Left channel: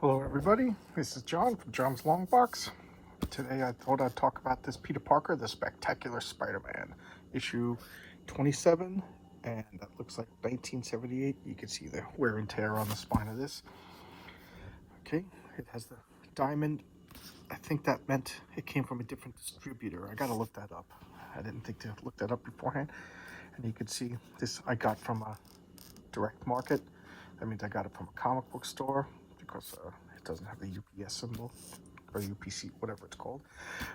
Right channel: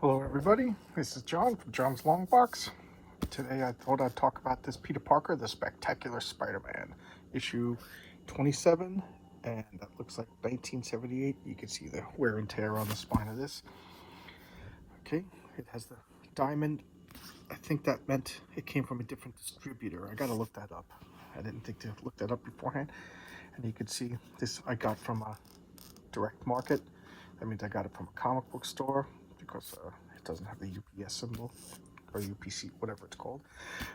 Hello everybody, this is John from John's Long Box. Today I thought I'd talk about this Peter Parker, the Spectacular Spider-Man, issue 27, and that looks like 1978. You can see the wear and tear on the spine of this. Okay, it has the diamond. I think that meant it came from a different distributor. I gotta look that up. I didn't think to look that up beforehand. And you can see this I got from a direct market. That means I got it from a comic book store because it doesn't have the UPS symbol or UPC, whatever it's called.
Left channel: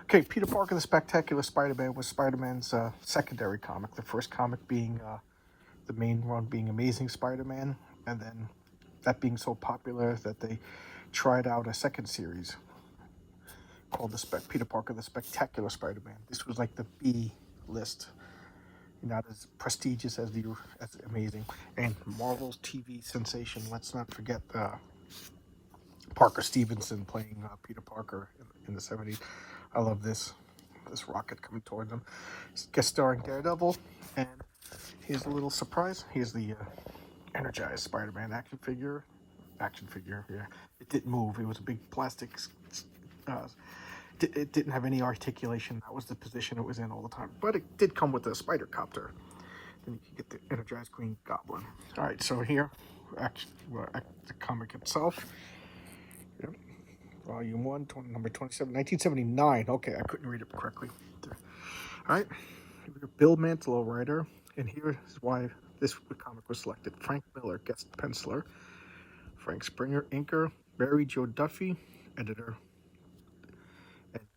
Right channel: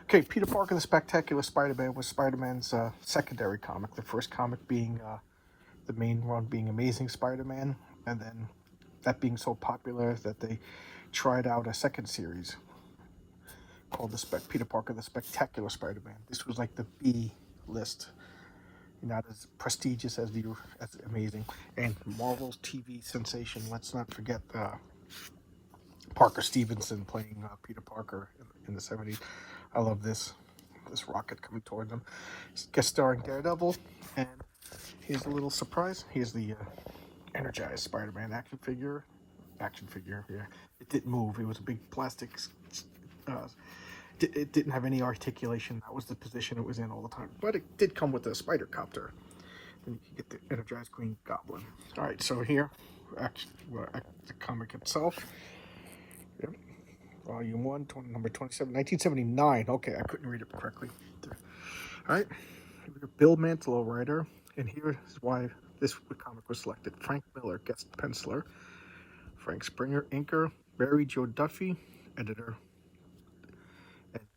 Okay, Peter Parker, the Spectacular Spider-Man was Spider-Man's secondary comic. The first comic being the main one being Amazing Spider-Man, and then that being so popular that they tried out a second series called Peter Parker, the Spectacular Spider-Man. This was like the B list. Not as prestigious as Amazing. And Marvel's TV sensation, let's not forget Parker Stevenson playing Peter Parker in the 70s. I love this rocket coming towards him. Guest starring Daredevil. And here's a little surprise. Here's the energized Spider-Man action figure here. It didn't move. It was a big plastic. It didn't have any articulation. That was the position it was in all the time. But it did come with a spider copter. And you get the energized Green Goblin. All right, so here, the comic itself. Yep. Volume 1, number 27, 1979. Okay, I couldn't read it correctly. All right, Bill Mantlo writer. And here's why this comic was selected. Frank Miller, guest penciler. Frank Springer, inker. Barry Joe Duffy, editor.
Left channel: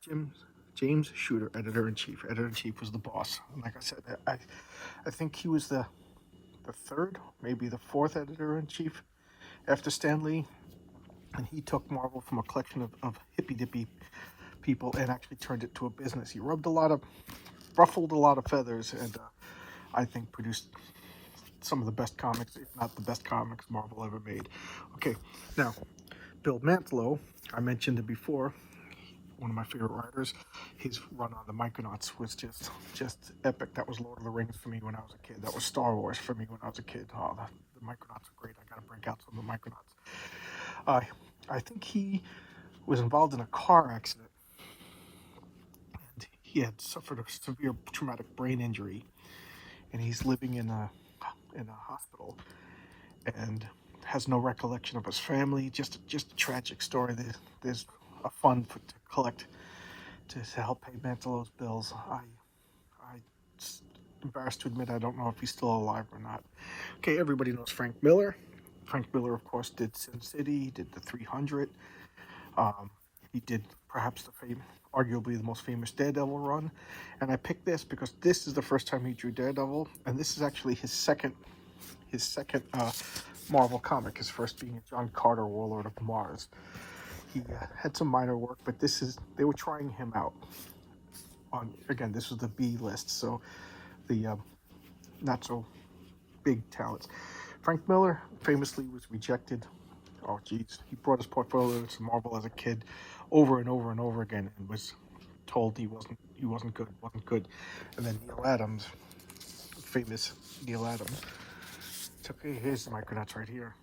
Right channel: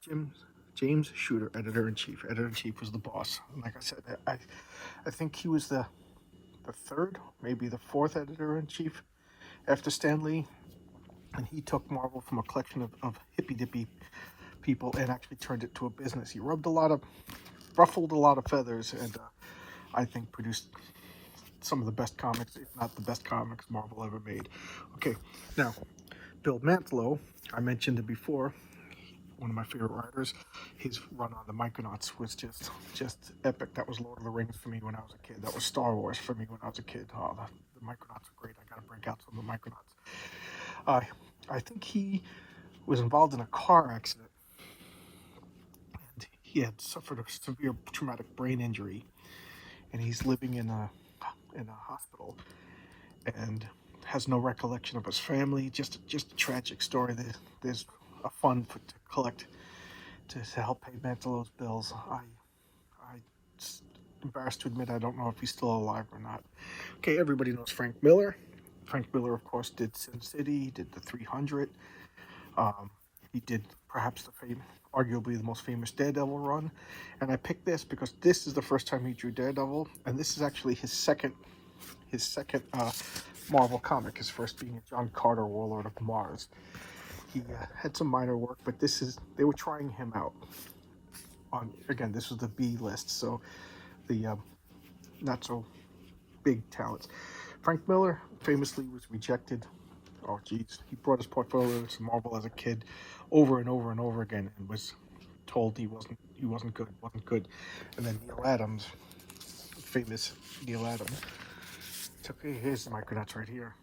And James Shooter, editor-in-chief. Editor-in-chief was the boss. And like I said, I think he was the third, maybe the fourth editor-in-chief after Stan Lee. And he took Marvel from a collection of hippy-dippy people and actually turned it to a business. He ruffled a lot of feathers, and I think produced some of the best comics, if not the best comics Marvel ever made. Okay, now, Bill Mantlo, I mentioned it before, one of my favorite writers. His run on the Micronauts was just epic. That was Lord of the Rings for me when I was a kid. That was Star Wars for me when I was a kid. Oh, the Micronauts are great. I gotta break out some of the Micronauts. I think he was involved in a car accident, and he had suffered a severe traumatic brain injury, and he's living in a hospital, and has no recollection of his family. Just a tragic story. There's a fund to collect to help pay Mantlo's bills. I'm embarrassed to admit I don't know if he's still alive or not. Okay, everybody knows Frank Miller. Frank Miller, of course, did Sin City, he did the 300. He did perhaps arguably the most famous Daredevil run. And I picked this because this is the first time he drew Daredevil, and this is actually his second Marvel comic. His first being John Carter, Warlord of Mars. He had some minor work, but they were trying him out. Again, this was the B list, so the not so big talents. Frank Miller famously was rejected. Oh, geez, he brought his portfolio to Marvel as a kid, over and over and over again, and was told he wasn't good. And then Neil Adams, famous Neil Adams. Okay, here's the Micronauts right here.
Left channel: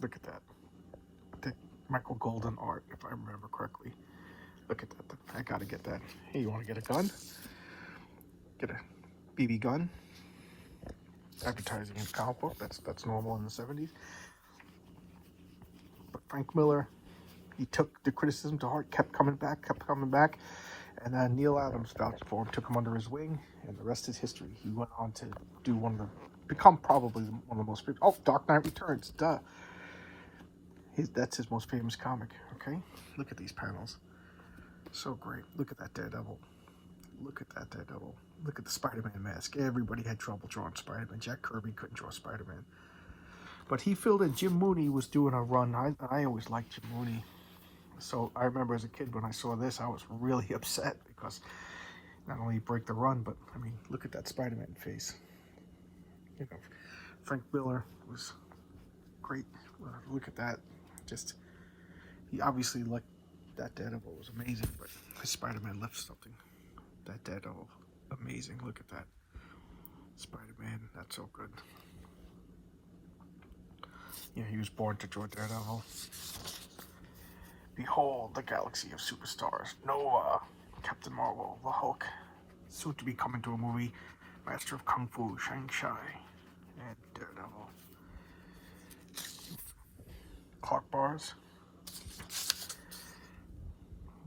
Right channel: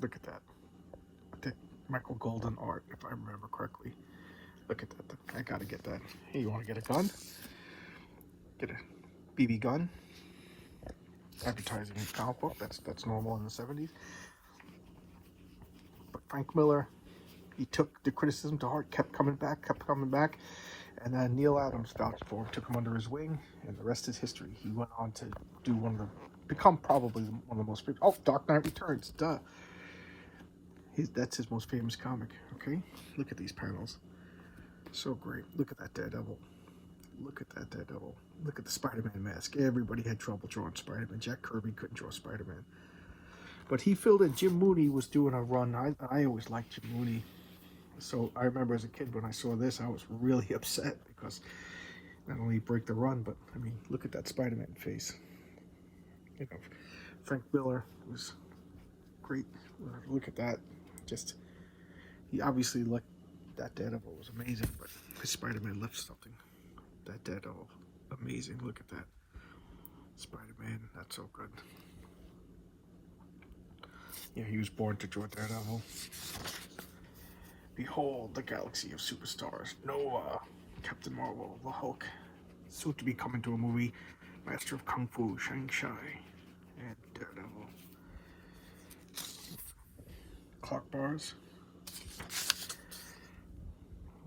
Look at that. Michael Golden art, if I remember correctly. Look at that. I gotta get that. Hey, you want to get a gun? Get a BB gun. Advertising a comic book. That's normal in the 70s. But Frank Miller, he took the criticism to heart, kept coming back. And Neil Adams vouched for him, took him under his wing, and the rest is history. He went on to become probably one of the most famous. Oh, Dark Knight Returns, duh. That's his most famous comic, okay? Look at these panels. So great. Look at that Daredevil. Look at that Daredevil. Look at the Spider-Man mask. Everybody had trouble drawing Spider-Man. Jack Kirby couldn't draw Spider-Man. But he filled in. Jim Mooney was doing a run. I always liked Jim Mooney. So I remember as a kid when I saw this, I was really upset because not only break the run, but, I mean, look at that Spider-Man face. You know, Frank Miller was great. Look at that. He obviously liked that Daredevil was amazing, but his Spider-Man left something. That Daredevil, amazing. Look at that. Spider-Man, that's so good. Yeah, he was born to draw Daredevil. Behold the galaxy of superstars. Noah, Captain Marvel, the Hulk, soon to be coming to a movie, Master of Kung Fu, Shang-Chi, and Daredevil. Clock bars.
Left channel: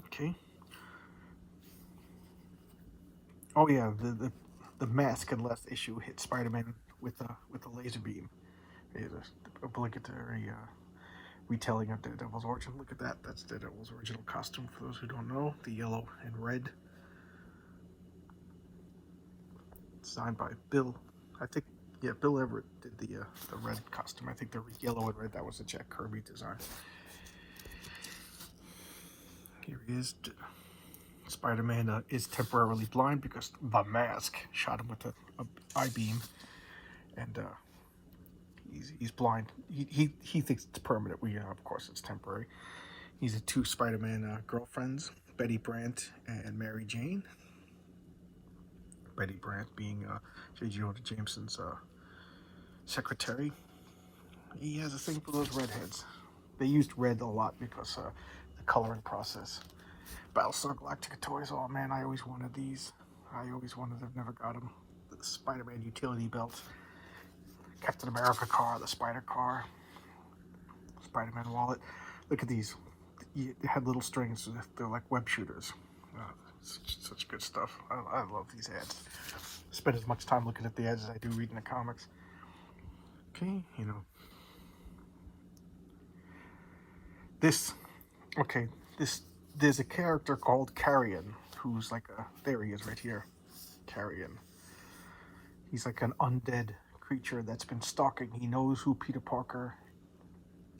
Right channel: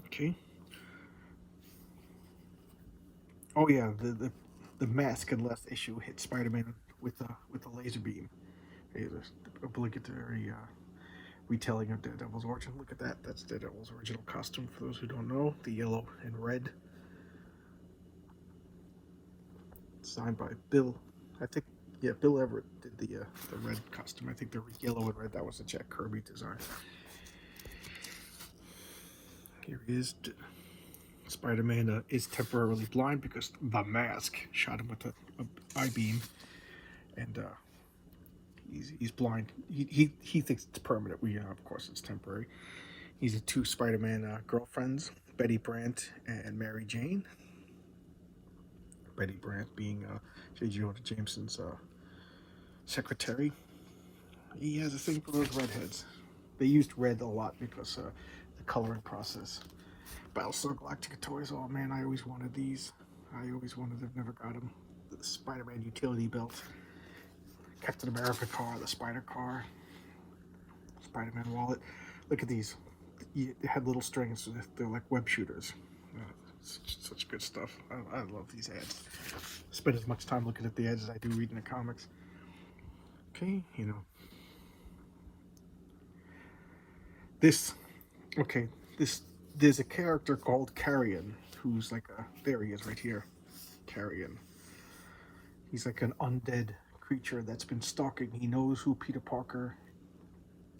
Okay. Oh yeah, the mask in last issue hit Spider-Man with a laser beam. There's an obligatory retelling of Daredevil's origin. Look at that. That's Daredevil's original costume. For those who don't know, the yellow and red. Signed by Bill. I think, yeah, Bill Everett did the red costume. I think the yellow and red, that was a Jack Kirby design. Here he is. Spider-Man is temporarily blind because the mask shot him with an eye beam, and he's blind. He thinks it's permanent. Of course, it's temporary. He's the two Spider-Man girlfriends, Betty Brant and Mary Jane. Betty Brant being J. Jonah Jameson's secretary. He has a thing for those redheads. They used red a lot because the coloring process. Battlestar Galactica toys. Oh man, I always wanted these. I've never got them. The Spider-Man utility belt. Captain America car, the Spider car. Spider-Man wallet. Look at these. They had little strings. They're like web shooters. Such good stuff. I love these ads. I spend as much time looking at the ads as I do reading the comics. Okay, there's a character called Carrion who's like there he is right here. Carrion. He's like an undead creature that's been stalking. He knows who Peter Parker,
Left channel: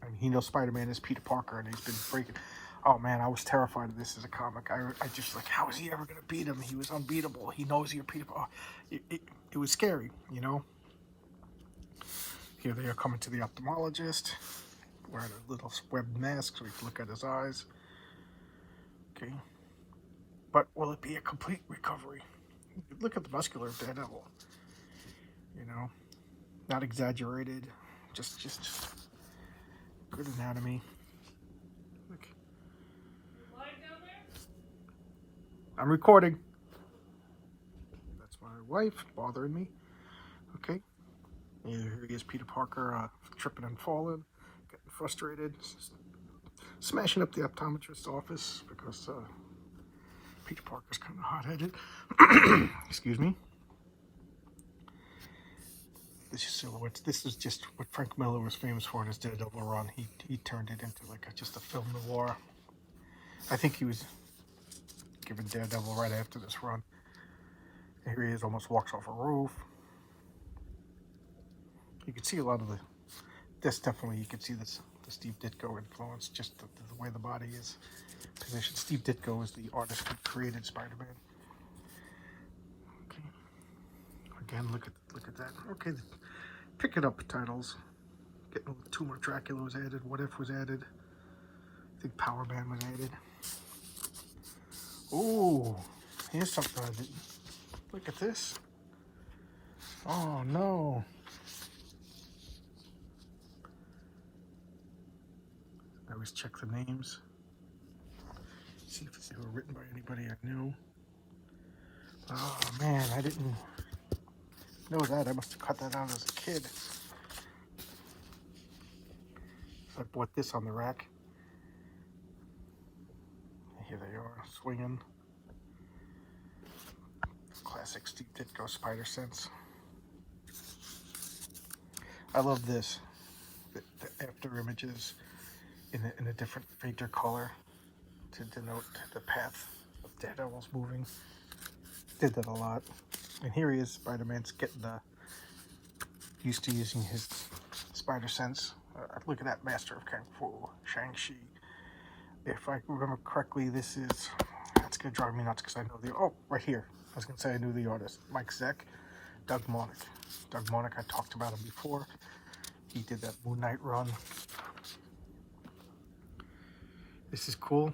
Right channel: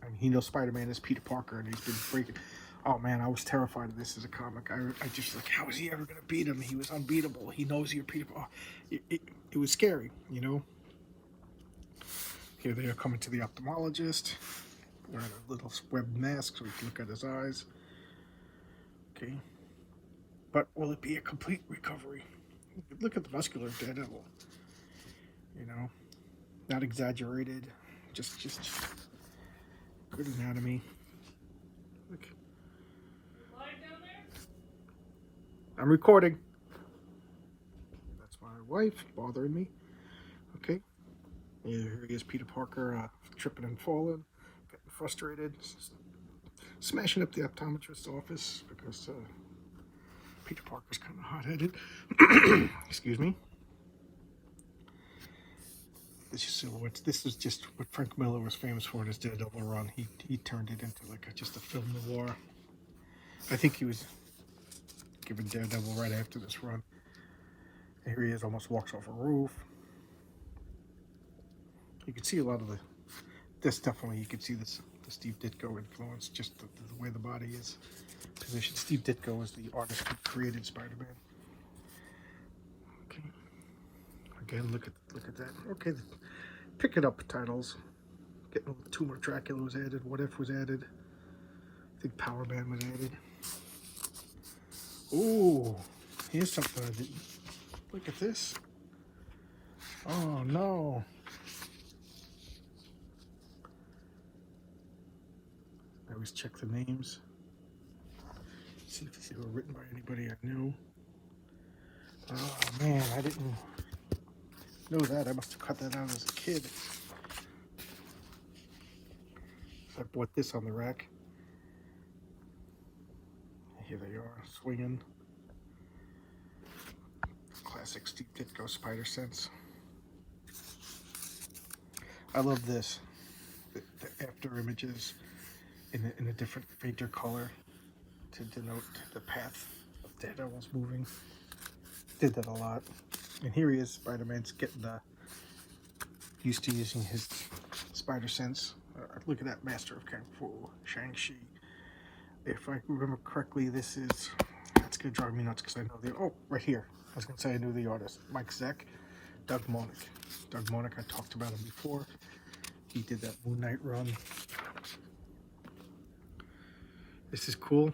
and he knows Spider-Man is Peter Parker, and he's been freaking. Oh man, I was terrified of this as a comic. I just like, how is he ever gonna beat him? He was unbeatable. He knows you're Peter. Oh, it was scary, Here they are coming to the ophthalmologist, wearing a little web mask so we can look at his eyes. Okay, but will it be a complete recovery? Look at the muscular Daredevil. Not exaggerated, just good anatomy. Look. I'm recording. That's my wife bothering me. Okay. Here he is, Peter Parker, tripping and falling, getting frustrated, smashing up the optometrist's office because Peter Parker's kind of hot-headed. Excuse me. This is silhouettes. This is just what Frank Miller was famous for in his Daredevil run. He turned it into like just a film noir. I think he was given Daredevil right after this run. Here he is, almost walks off a roof. You can see a lot of this definitely, you can see the Steve Ditko influence, just the way the body is positioned. Steve Ditko is the artist who created Spider-Man. Okay. Again, look at that. Okay, pick it up titles. Getting Tumor Dracula was added. What If was added. I think Power Man was added. Ooh, here's something I didn't. Look at this. Oh no. I always check the names. See if they were written by anybody I knew. Oh man, I didn't know that. I must have cut that out as a kid. I bought this on the rack. Here they are, swinging. Classic Steve Ditko Spider Sense. I love this. The after images in a different, fainter color to denote the path of Daredevil's moving. Did that a lot. And here he is, Spider-Man's getting used to using his spider sense. Look at that, Master of Kung Fu, Shang-Chi. If I remember correctly, that's going to drive me nuts because I know right here. I was going to say I knew the artist. Mike Zeck, Doug Moench. Doug Moench, I talked about him before. He did that Moon Knight run. This is cool.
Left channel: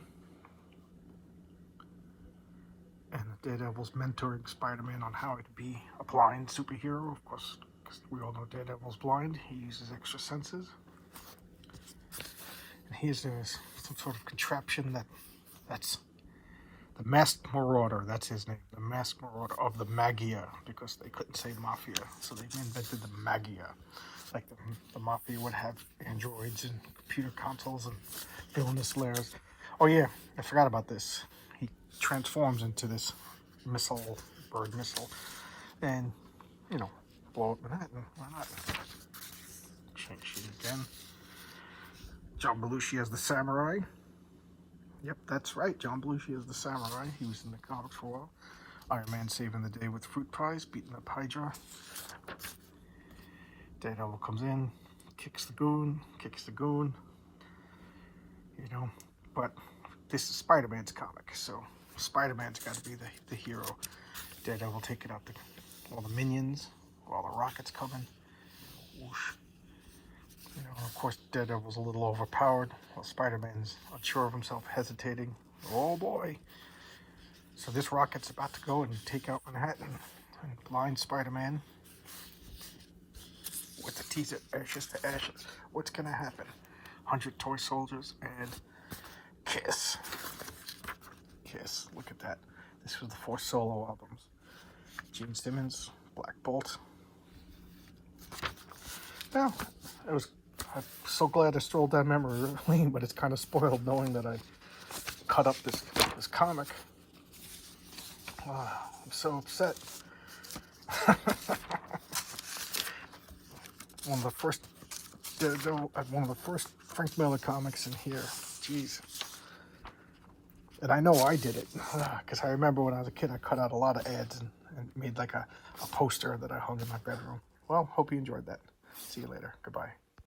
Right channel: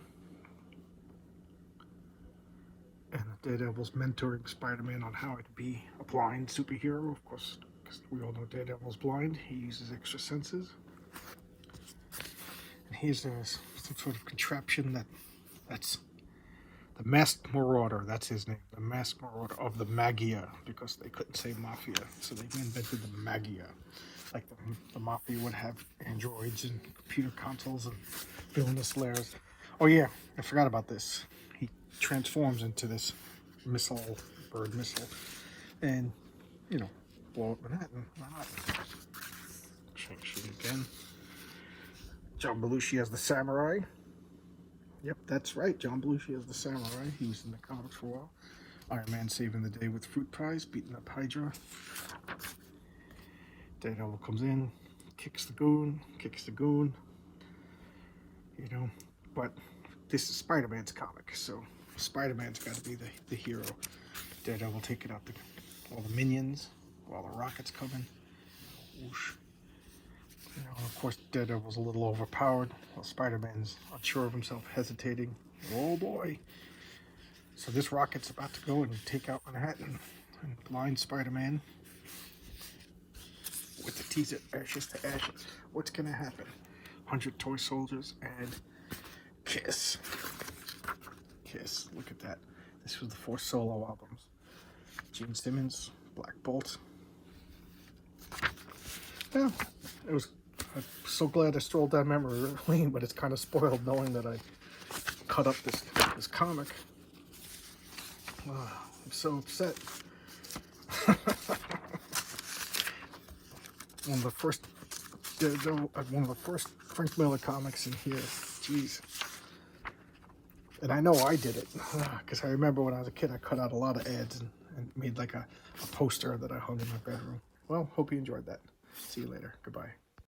And Daredevil's mentoring Spider-Man on how to be a blind superhero. Of course, because we all know Daredevil's blind. He uses extra senses. And here's his some sort of contraption that's the Masked Marauder. That's his name, the Masked Marauder of the Magia, because they couldn't say Mafia, so they invented the Magia. Like the Mafia would have androids and computer consoles and villainous lairs. Oh yeah, I forgot about this. He transforms into this missile, bird missile, and, you know, blow up Manhattan. Why not? Shoot again. John Belushi as the samurai. Yep, that's right. John Belushi as the samurai. He was in the comics for a while. Iron Man saving the day with fruit pies, beating up Hydra. Daredevil comes in, kicks the goon. You know, but this is Spider-Man's comic, so Spider-Man's got to be the hero. Daredevil taking out all the minions, all the rockets coming. Whoosh. You know, of course, Daredevil's a little overpowered, while Spider-Man's unsure of himself, hesitating. Oh boy. So this rocket's about to go and take out Manhattan and blind Spider-Man with the teaser, ashes to ashes. What's going to happen? 100 toy soldiers and Kiss. Kiss. Look at that. This was the 4 solo albums. Gene Simmons, Black Bolt. Yeah, it was. I'm so glad I strolled down memory lane, but it's kind of spoiled knowing that I cut up this comic. I'm so upset. one of the first Frank Miller comics in here. Jeez. And I know I did it, because I remember when I was a kid, I cut out a lot of ads and made like a poster that I hung in my bedroom. Well, hope you enjoyed that. See you later. Goodbye.